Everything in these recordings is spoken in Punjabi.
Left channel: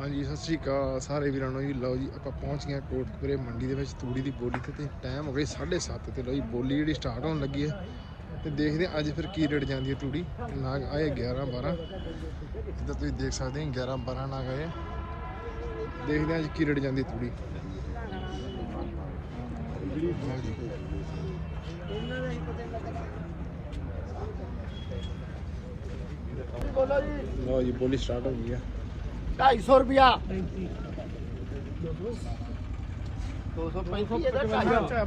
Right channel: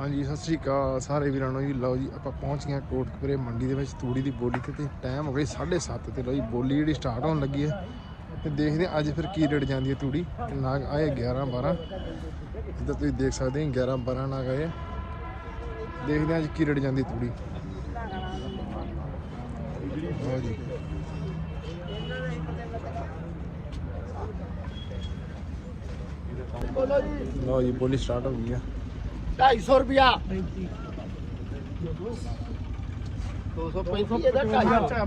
ਹਾਂਜੀ ਸਤਿ ਸ੍ਰੀ ਅਕਾਲ ਸਾਰੇ ਵੀਰਾਂ ਨੂੰ ਜੀ। ਲਓ ਜੀ ਆਪਾਂ ਪਹੁੰਚ ਗਏ ਹਾਂ ਕੋਟਕਪੁਰੇ ਮੰਡੀ ਦੇ ਵਿੱਚ ਤੂੜੀ ਦੀ ਬੋਲੀ ਤੇ ਤੇ ਟਾਈਮ ਹੋ ਗਿਆ 7:30 ਤੇ। ਲਓ ਜੀ ਬੋਲੀ ਜਿਹੜੀ ਸਟਾਰਟ ਹੋਣ ਲੱਗੀ ਹੈ। ਤੇ ਦੇਖਦੇ ਹਾਂ ਅੱਜ ਫਿਰ ਕੀ ਰੇਟ ਜਾਂਦੀ ਹੈ ਤੂੜੀ। ਨਾਗ ਆਏ 11 12 ਇੱਧਰ ਤੁਸੀਂ ਦੇਖ ਸਕਦੇ ਹੋ 11 12 ਨਾਗ ਆਏ। ਆ। ਦੇਖਦੇ ਹਾਂ ਅੱਜ ਕੀ ਰੇਟ ਜਾਂਦੀ ਤੂੜੀ। ਲਓ ਜੀ। ਬੋਲੋ ਜੀ। ਲਓ ਜੀ ਬੋਲੀ ਸਟਾਰਟ ਹੋ ਗਈ ਆ 250 ਰੁਪਿਆ 235 ਇਹਦਾ 55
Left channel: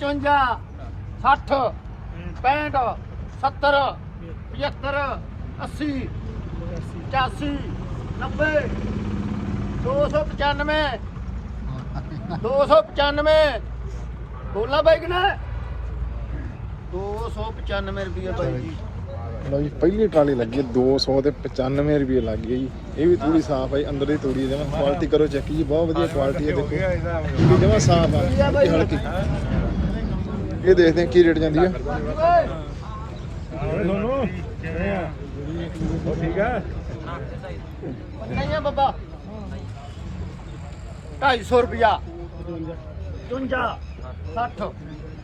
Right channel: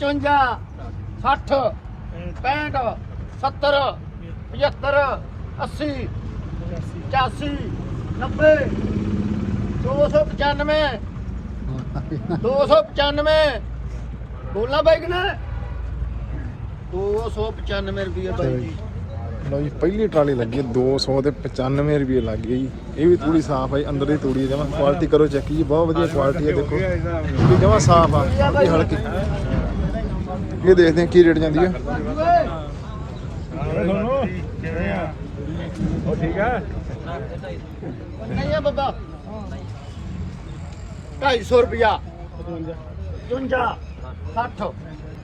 55 60 65 70 75 80 85 90 295 295 ਬੋਲਾ ਬਾਈ ਕਿਨੇ 295 ਰੁਪਏ ਬਾਈ ਜੀ। ਜੀ ਪਹਿਲੇ ਟਰਾਲੇ ਲੱਗੇ 200 ਦੇ 95 ਰੁਪਏ ਲੱਗ ਗਏ ਜੀ। ਇਹ ਵੀ ਤੂੜੀ ਸਾਫ਼ ਆ ਜੀ, ਅੰਦਰ ਦੀ ਤੂੜੀ ਜਮਾ ਕੁਆਲਿਟੀ ਕਰੋ ਚੈੱਕ ਜੀ ਬਹੁਤ ਵਧੀਆ ਕੁਆਲਿਟੀ ਹੈ ਦੇਖੋ। ਜਮਾ ਸਾਫ਼ ਆ ਇਹ ਹਲਕੀ। ਇਹ ਦੇਖਦੇ ਕੀ ਰੇਟ ਜਾਂਦੀ ਹੈ ਨਹੀਂ ਹੈ ਬੱਬਾ। 250 ਰੁਪਿਆ 55 60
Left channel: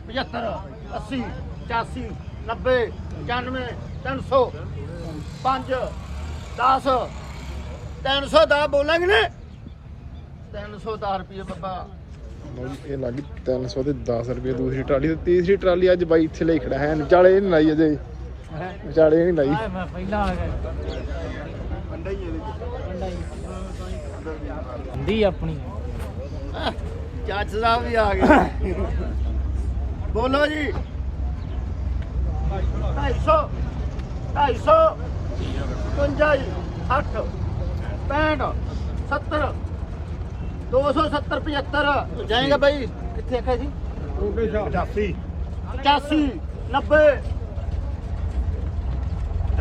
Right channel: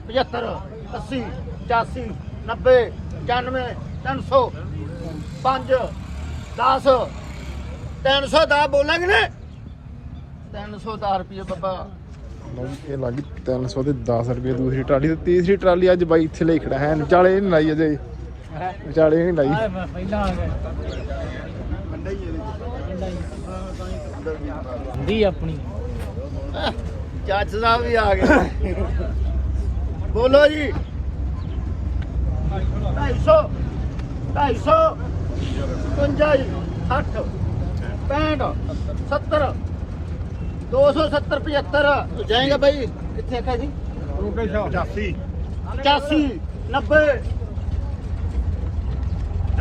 75 80 85 90 95 300 5 10 300 ਦਾ ਬੋਲਾਂਗੇ ਨੇ। 310 ਰੁਪਏ ਬੱਬਾ। ਇਹ ਲੱਗੀ 300 ਦੇ 10 ਰੁਪਏ ਦੂਸਰੀ ਟਰਾਲੀ ਤੇ ਤੀਸਰੀ ਟਰਾਲੀ ਅੱਜ ਬਾਈ ਇੱਥੇ ਲੈ ਖੜਾ ਹੈ। ਵਿਚਾਲੇ ਇਹ ਨਹੀਂ ਲਾਈ ਅਜੇ। ਵਿਚਾਲੇ ਇਹ ਨਹੀਂ ਲਾਈ। ਮੈਂ ਪਹਿਲਾਂ ਆ ਗਿਆ। ਹੁੰਦੀ ਆਪਣੀ। ਜੱਜ ਸਾਹਿਬ ਵੀ ਆ ਗਏ। ਬੋਲੋ ਜੀ। 250 250 55 60 65 70 270 75 ਜਾਏਗਾ ਭਾਈ ਕਿੱਥੇ ਆਖਿਆ ਜੀ 85 90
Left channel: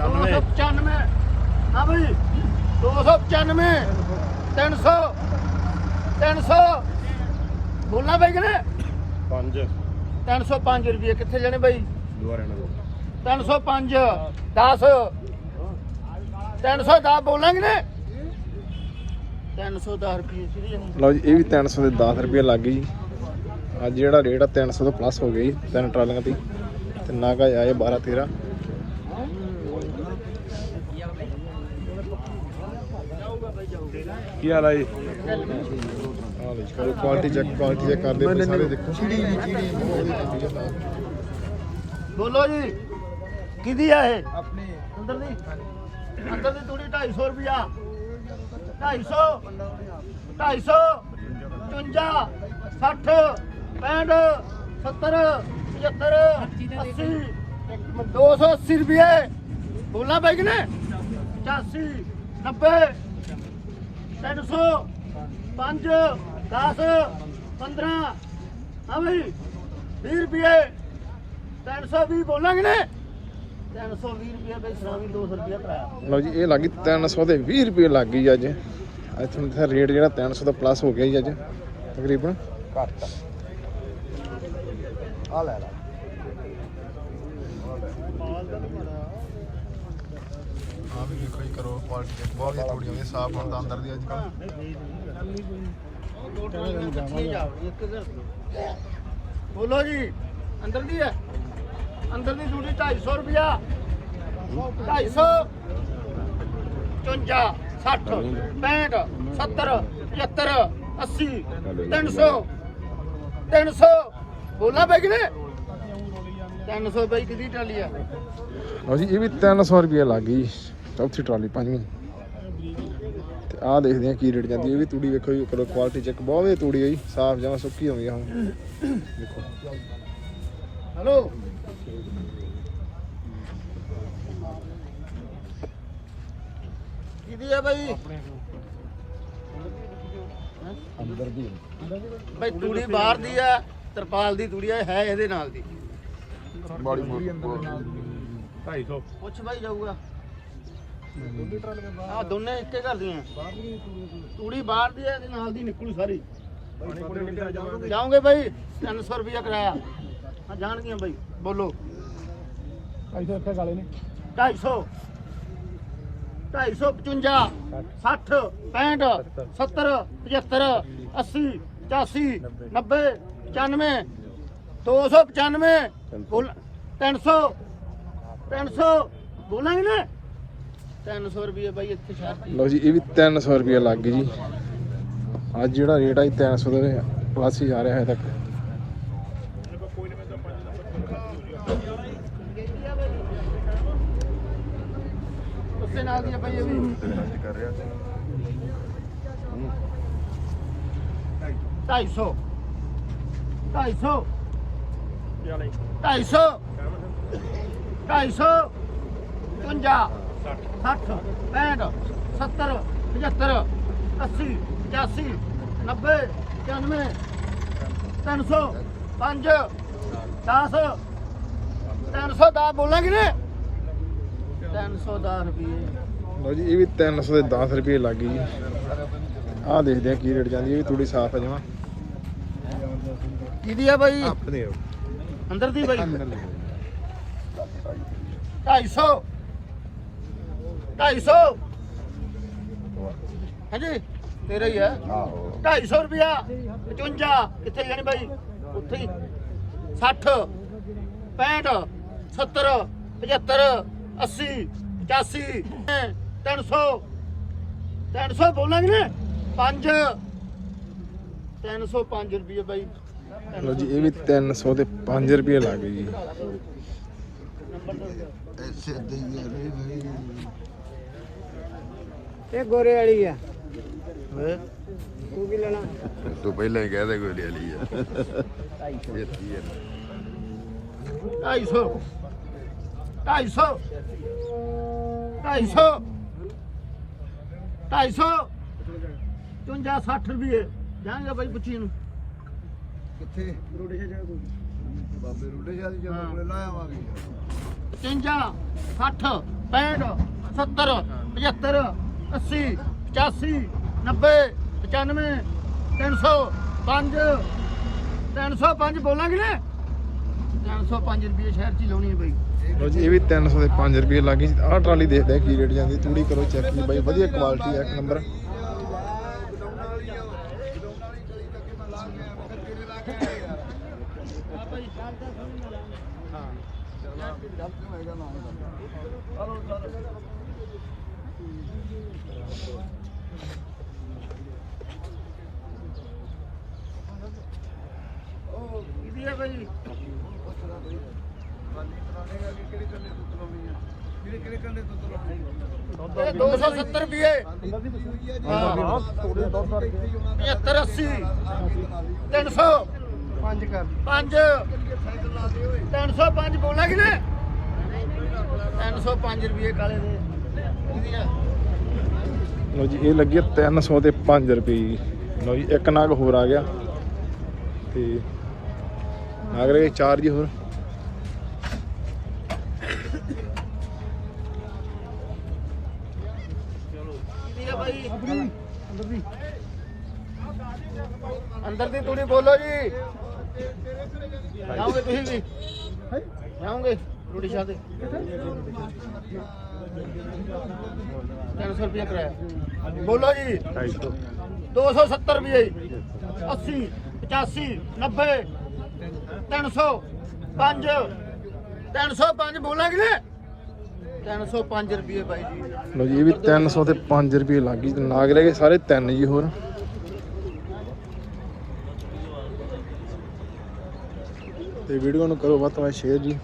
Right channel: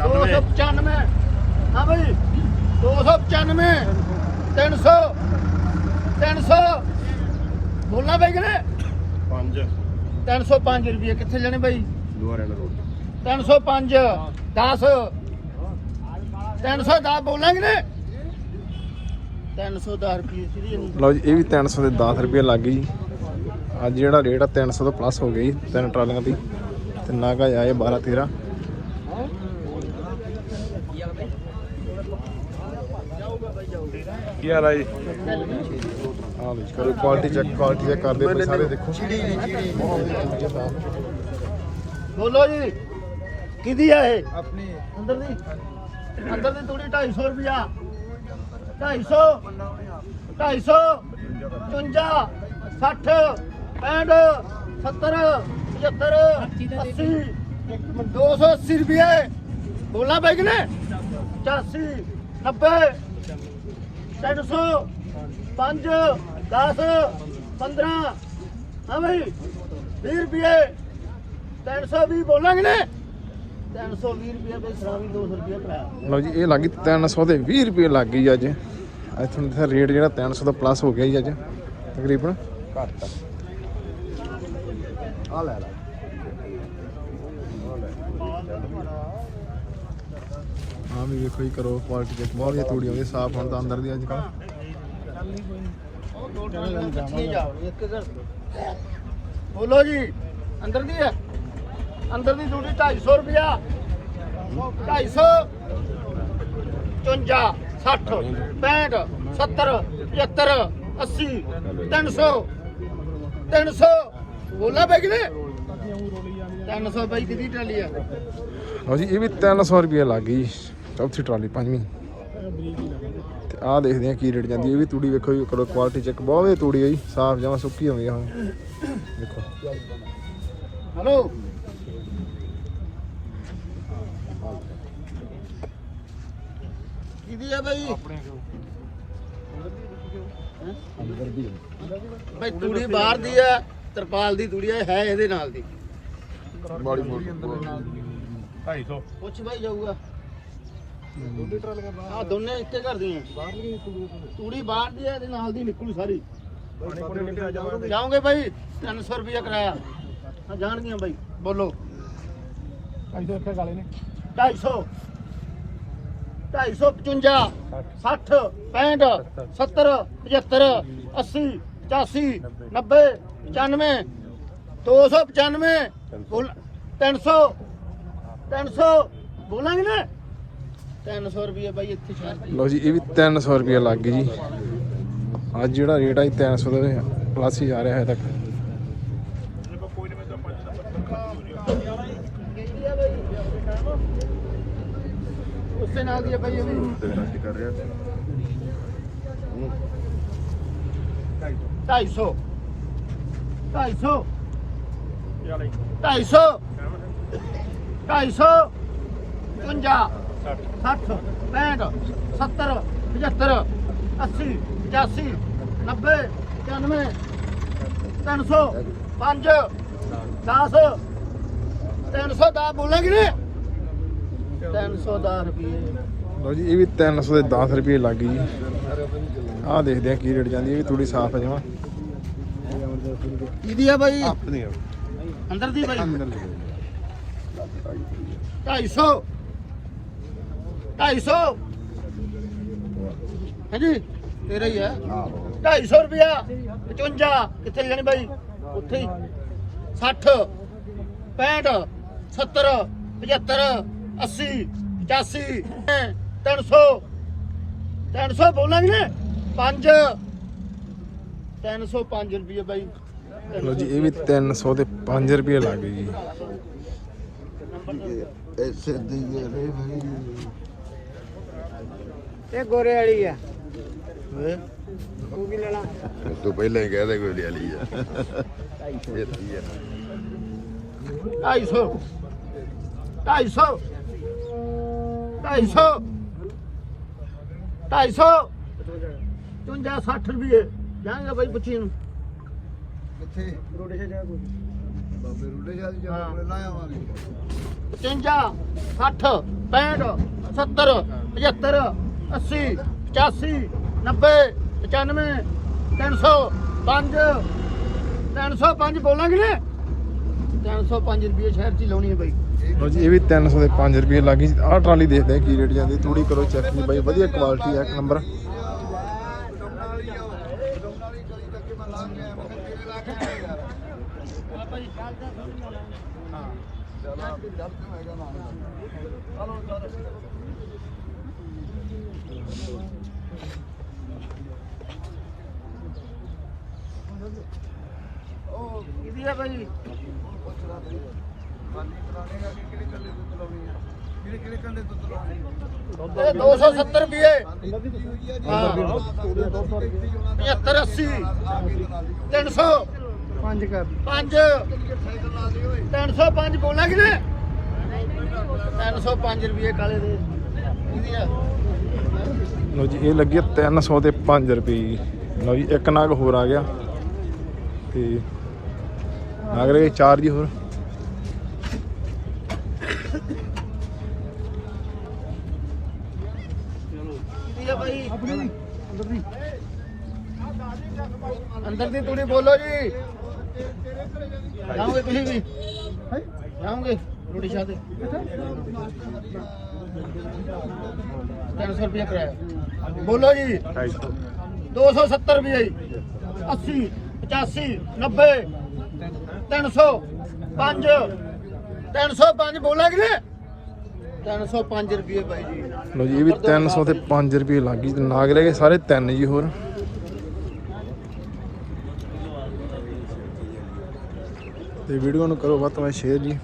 295 ਹਾਂ ਭਾਈ 295 300 300 ਬੋਲਣਾ ਭਾਈ ਕਿਨੇ 305 ਰੁਪਏ। ਕਿੱਥੇ ਲੈਣੇ ਭਾਈ ਦੁਆਰੇ ਲਗੋ 305 10 310 ਬੋਲਾਂਗੇ ਨੇ। 310 ਰੁਪਏ ਸਿੱਧੀ ਜਣੀ ਲਓ ਜੀ ਇਹ ਵੀ 300 ਦੇ 10 ਰੁਪਏ ਲੱਗ ਗਈ ਅੱਜ ਜਿਹੜਾ ਰੇਟ ਆ 300 ਤੋਂ ਪਲੱਸ ਹੋ ਗਈ ਤਿੰਨ ਟਰਾਲੀਆਂ ਦੀ। ਤੇ ਨਾਗਾ ਆਏ 12 13 ਜਾਊਗਾ ਭਾਈ ਜਾਊਗਾ ਕੀ ਹਾਲ ਆ ਜੀ? ਦੇਖੋ ਕੁਆਲਿਟੀ ਚੈੱਕ ਕੁਆਲਿਟੀ ਚੈੱਕ ਕਰਦੇ ਸਾਰੇ ਦੇਖੋ। ਬੋਲੋ ਜੀ। ਕਿਹਦੀ ਆ ਇਹ? ਆਪਣੀ। ਅੰਦਰ ਦੀ ਅੰਦਰ ਦੀ ਤੂੜੀ 250 ਰੁਪਿਆ 250 250 55 60 65 70 75 80 280 ਰੁਪਏ। ਬੋਲਣਾ ਭਾਈ ਕਿਨੇ? 85 90 300 5 10 15 ਹਾਂ ਭਾਈ 20 ਰੁਪਏ। 320 ਬੋਲਾਂਗੇ ਨੇ? 320 ਰੁਪਏ ਬਈ ਸ਼ਰਾਬੀ 200 ਰੁਪਏ ਕਰਾਇਆ ਲਓ ਜੀ ਇਹ ਲੱਗੀ 300 ਦੇ 20 ਰੁਪਏ ਲੱਗ ਗਈ ਅੱਜ। ਇੱਥੋਂ ਦਾ ਰੇਟ ਜਿਹੜਾ 300 ਤੋਂ ਪਲੱਸ ਹੋ ਗਿਆ ਜੀ ਅੱਜ ਤਕਰੀਬਨ। ਆ ਲੈ ਲੈ। ਹਾਂ ਵੀ ਦੇਖੋ ਜੀ ਕਰੋ ਕੁਆਲਿਟੀ ਚੈੱਕ ਬਹੁਤ ਵਧੀਆ ਤੂੜੀ ਆਉਂਦੀ ਸਾਫ਼ ਹੁੰਦਾ ਅੰਦਰ ਦੀ ਅੱਜ ਕੱਲ ਉਹ ਦੋ ਟਰਾਲੀਆਂ ਇਕੱਠੀਆਂ ਜਾਵਣੀ ਇੱਕ ਘਰ ਬੋਲੋ ਜੀ ਅੰਦਰ ਦੀ ਹੈ? ਅੰਦਰ ਦੀ ਡਿਊਟੀ 250 ਰੁਪਿਆ 250 54 60 65 70 75 80 300 300 ਬੋਲਾ ਬੈ ਕਿਨੇ 300 ਬਈ ਕਿਹਦੀ ਟਰਾਲੀ ਆ? ਲਓ ਜੀ ਇਹ ਵੀ 300 ਰੁਪਏ ਲੱਗ ਗਈ। ਚੌਥੀ ਟਰਾਲੀ ਪੰਜਵੀਂ। ਦੇਖਦੇ ਆ ਕੀ ਰੇਟ ਜਾਂਦੀ ਇਹ ਵੀ ਤੂੜੀ ਵੇਖੋ ਜੀ ਕਰੋ ਕੁਆਲਿਟੀ ਚੈੱਕ ਬਹੁਤ ਵਧੀਆ ਤੂੜੀ ਹੈ ਜੀ ਸਾਫ਼ ਜਮਾ ਸੁੱਕੀ ਆਉਂਦੀ ਆ ਹੁਣ। ਦੇਖੋ। ਹਲੋ ਕਿਹਦੀ ਆ ਬਾਈ? ਹੈਂ? ਬਈ ਤੂੜੀ ਬਾਹਰ ਦੀ ਆ ਤਰਪਾਲ ਦੀ ਤੂੜੀ ਆ ਹੈ ਇਹਦੇ ਨਾਲ ਦੀ। ਬੜੀ ਮੋਟੀ ਪੁੱਛ ਬਾਈ ਜਾਊਗਾ। ਦੋਨੇ ਟਰਾਲੀਆਂ ਆ। ਦੋਨੇ ਇੱਕੇ ਘਰ ਦੀਆਂ। ਤੂੜੀ ਬਾਹਰ ਦੀ ਆ ਇਹਦੇ ਨਾਲ ਦੀ ਨਿਕਲੂ ਸਾਰੀ। ਜਾਓਗੇ ਬਾਈ? 300 ਰੁਪਇਆ ਕਰਾਇਆ। ਹਾਂ ਜਾਣਗੀਆਂ ਬਾਈ। ਬੋਲੋ। 250 255 60 65 70 75 80 85 90 95 295 ਬੋਲ 300 300 ਬੋਲਾਂਗੇ ਨਾ? 300 ਰੁਪਏ ਬਾਈ ਇੱਥੇ ਹੀ। ਲਓ ਜੀ ਇਹ ਵੀ 300 ਰੁਪਏ ਲੱਗ ਗਏ ਜੀ। ਅੱਜ ਜਿਹੜਾ ਰੇਟ ਹੈ 300 ਦਾ ਪਾਸ ਹੀ ਆ ਰਿਹਾ ਹੈ ਤੱਕ। ਉਸੇ ਨਾਲ ਦੀ ਹੈ ਬਾਈ ਇਹ ਵੀ। 250 250 250 250 50 60 65 70 75 80 85 90 95 300 5 10 310 ਬੋਲਾਂਗੇ। ਨੇ 310 ਰੁਪਏ ਲਓ ਜੀ ਇਹ ਵੀ 300 ਦੇ 10 ਰੁਪਏ ਲੱਗ ਗਏ ਜੀ। ਆਹ ਦੇਖਦੇ ਆ ਕੀ ਰੇਟ ਜਾਂਦੀ ਇਹ ਵੀ ਥੋੜੀ ਸਾਫ਼ ਹੈ ਜਮਾ। ਇਹਦੀ ਆ ਬਾਈ? ਆਪਣੇ ਅੰਦਰ ਦੀ ਬਾਈ? ਅੰਦਰ ਲੈ 250 250 ਹਾਂਜੀ ਤੇਰੇ ਹੀ ਆ। 250 ਰੁਪਿਆ 55 ਕਿੱਥੇ ਜਾਣੀ ਬਾਈ? ਉੱਥੇ ਹੀ। 60 65 70 75 80 85 300 300 ਬੋਲਾਂਗੇ ਨੇ 5 305 ਰੁਪਏ ਬਾਈ। 300 ਇਹ ਵੀ ਰੁਪਏ 300 ਤੇ 5 ਰੁਪਏ ਲੱਗ ਗਏ। ਐਸੇ ਦਿਏ ਰੇ ਭਾਈ ਇਹ ਗੋਰੇ ਵਾਲੀ ਹੈ? ਓਏ ਤੂੰ ਵੀ ਲੈਣਾ? ਤੂੰ ਪਹਿਲਾਂ ਹੀ ਕਹਿ ਦੇ ਕੋਈ ਲੈ ਲਈ ਆ 250 250 250 250 55 60 ਰੁਪਏ ਜਾਣਗੇ ਬਾਈ ਪੁੱਛੀ ਨੂੰ। ਕਿੱਥੇ? ਰੋਡੇ ਜਾ ਕੋਈ। ਬਾਬੇ ਰੋਡੇ ਜਾ ਦੀ। ਜਦੋਂ ਲਾਇਆ ਆਵਾਂਗੇ। 55 60 65 70 75 80 85 90 95 300 5 305 ਬੋਲਾਂਗੇ ਨੇ? 305 ਰੁਪਏ ਸ਼ਹਿਰ ਚ ਹੀ ਲਾਉਣੀ ਹੈ ਬਾਈ। ਲਓ ਜੀ ਇਹ ਵੀ 300 ਦੇ 5 ਰੁਪਏ ਲੱਗ ਆਹ ਟਰਾਲੀ ਦੇਖਦੇ ਆ ਕੀ ਰੇਟ ਜਾਂਦੀ ਥੋੜੀ ਕਰੋ ਚੈੱਕ ਜੀ ਬਾਈ ਵਧੀਆ ਕੁਆਲਿਟੀ ਦਾ ਇੱਕ ਨੰਬਰ ਕਿਹਦੀ ਹੈ ਬਾਈ? ਇਹ 270 ਰੁਪਏ। ਹਾਂ। 75 80 300 5 5 305 ਬੋਲਾਂਗੇ ਨੇ 305 ਰੁਪਏ ਕਾਲੇ ਦੇ। ਲਓ ਜੀ ਇਹ ਲੱਗੀ 300 ਤੇ 5 ਰੁਪਏ। ਜੀ। ਇੱਕ ਨਾਗ ਹੋਰ ਆ ਗਿਆ। ਤੇ ਨਾਗ ਰਹੇ ਚਾਰ ਜੀ ਹੋਰ। ਅੰਦਰ ਦੀ ਤੂੜੀ ਬੋਲੋ ਜੀ। ਜਾਓਗੇ ਤੁਸੀਂ ਵੀ? ਜਾਓਗੇ? ਰੋਟੀ ਸ਼ਾਹ ਤੇ 300 ਰੁਪਏ ਕਰਾਇਆ। ਬੋਲੋ ਜੀ। 270 ਰੁਪਏ 80 85 90 300 5 305 ਬੋਲਾਂਗੇ ਨੇ 305 ਰੁਪਏ ਬਾਈ ਜੀ। ਲਓ ਜੀ ਇਹ ਵੀ 300 ਤੇ 5 ਰੁਪਏ ਲੱਗ ਗਈ ਤੇ ਨਾਗ ਰਹੇ ਸਾਰੇ ਤਿੰਨ ਜੀ ਹੋਰ। ਤੇ ਵੀਡੀਓ ਨੂੰ ਕਰੋ ਵੱਧ ਤੋਂ ਸ਼ੇਅਰ ਜੀ।